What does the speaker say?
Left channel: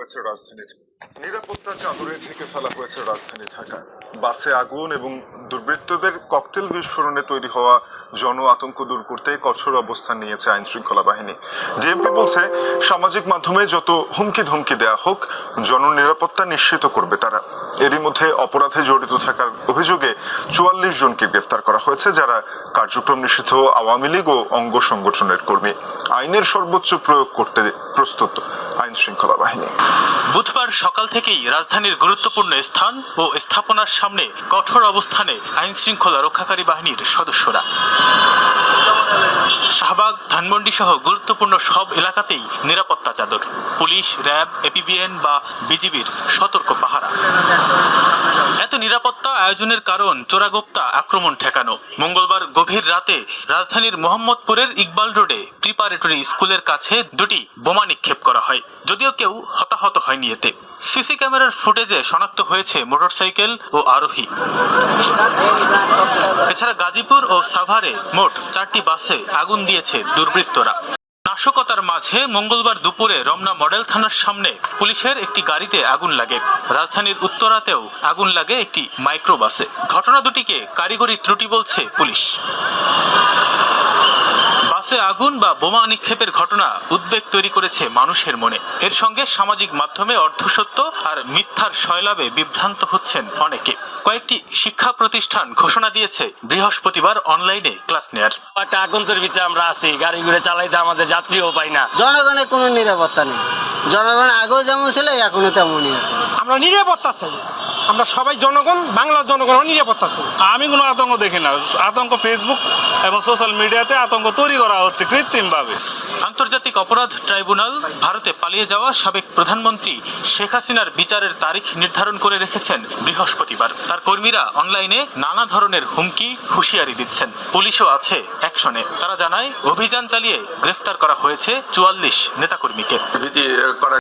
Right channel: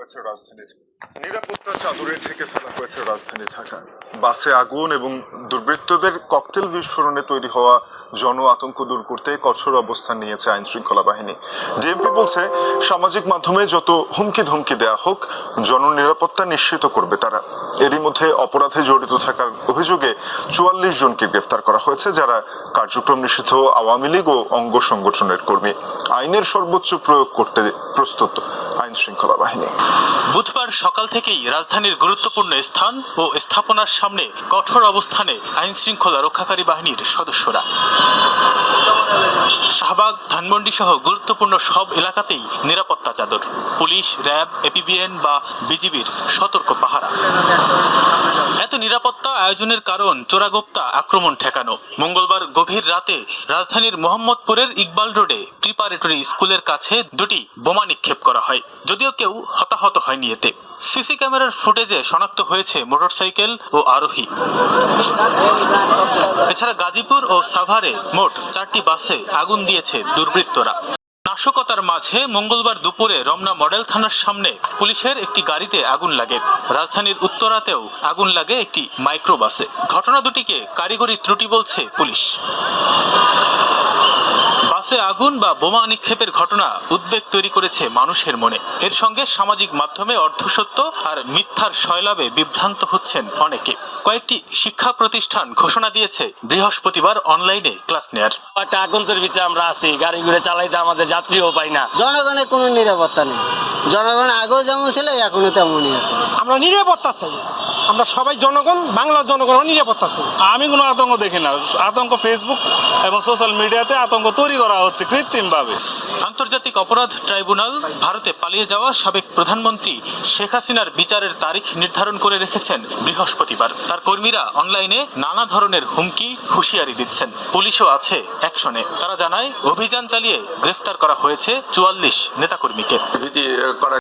হয়েছে রাজধানী নিরাপত্তা চাদরে ঢেকে ফেলা হয়েছে রাজধানী বাসে আগুন এবং দুর্বৃত্তদের ককটেল বিস্ফোরণে তৈরি হওয়া জন আতঙ্ক দূর করতে কঠোর অবস্থান নিয়েছে আইন শৃঙ্খলা বাহিনী বলছে, সামাজিক মাধ্যমে যত হুমকি ধমকি দেয়া হোক, জননিরাপত্তা নিশ্চিত করবে তারা। এরই মধ্যে অপরাধে জড়িত থাকার অভিযোগে চুয়াল্লিশ জনকে গ্রেফতার করা হয়েছে, যারা কার্যক্রম নিষিদ্ধ আওয়ামী লীগ ও অঙ্গ সংগঠনের কর্মী। আইনের সর্বোচ্চ প্রয়োগ করতে প্রস্তুত। আইন শৃঙ্খলা বাহিনী। বুধবার সকাল থেকেই রাজধানীর গুরুত্বপূর্ণ স্থান ও স্থাপনার সামনে কঠোর অবস্থানে আইন শৃঙ্খলা রক্ষাকারী বাহিনীর সদস্যরা। শাহবাগ, ধানমন্ডি সহ গুরুত্বপূর্ণ সব এলাকাতেই নিরাপত্তা চাদর, পুলিশ, র্যাব, এপিবিএন বা বিজিবির সতর্ক পাহারা। নিরাপত্তা আয়োজনের কারণ চোরাগোপ্তা আক্রমণ ঠেকানো। মঙ্গলবার গভীর রাতে রাজধানীর মোহাম্মদপুরের ইকবাল রোডে প্রিপারেটরি স্কুলের কাছে দুটি বোমা নিক্ষেপ করা হয়, যদিও কেউ হতাহত হয়নি এতে। সিসি ক্যামেরার ফুটেজে শনাক্ত হয়েছে মোটরসাইকেল ও আরোহী। এছাড়া গাজীপুর ও সাভারে মোট চারটি বাসে আগুন দিয়েছে দুর্বৃত্তরা। নাশকতার মাঝে মঙ্গলবার দুপুরে রমনা মডেল থানার সামনে পুলিশের একটি গাড়িতে আগুন লাগে। রাজধানীর উত্তরাতেও আগুন লাগে একটি মাইক্রোবাসে। ঘটনা দুটিকে কারিগরি ত্রুটি বলছে পুলিশ। বাসে আগুন বা বোমা নিক্ষেপের ঘটনা উদ্বেগ তৈরি করেছে মানুষের মনে। এর সঙ্গে সামাজিক মাধ্যমে অর্ধসত্য আর মিথ্যার শয়লাভে বিভ্রান্ত হচ্ছেন অনেকে। কয়েকটি শিক্ষা প্রতিষ্ঠান ঘোষণা দিয়েছে বৃহস্পতিবার অনলাইনে ক্লাস নেয়ার। একটা আতঙ্কের ভিতরে আমরা আছি গাড়ি ঘুরে চালাইতে আমাদের যাত্রীও পাই না। জনগণের কোনো নিরাপত্তা নেই। জনগণ আগেও যেমন ছিল এখনও তেমনই আছে। আমরা নিরাপত্তা চাই। আমরা সবাই জনগণ বাংলার জনগণ নিরাপত্তা চাই। আমি কোনো আতঙ্ক দেখি না। আতঙ্ক ফেসবুক এবং সোশ্যাল মিডিয়াতে আতঙ্ক তৈরি করা হচ্ছে কৃত্রিমভাবে। আন্তর্জাতিক অপরাধ ট্রাইব্যুনাল ভারতে পালিয়ে যাওয়া সাবেক প্রধানমন্ত্রী শেখ হাসিনার বিচারের তারিখ নির্ধারণ করে রেখেছেন বৃহস্পতিবার। তার কর্মীরা অনলাইনে নানা ধরনের হুমকি হুঁশিয়ারি দিচ্ছেন। পুলিশও আছে অ্যাকশনে তারা জানায় অভিযান চালিয়ে গ্রেফতার করা হয়েছে চুয়াল্লিশ নেতাকর্মীকে।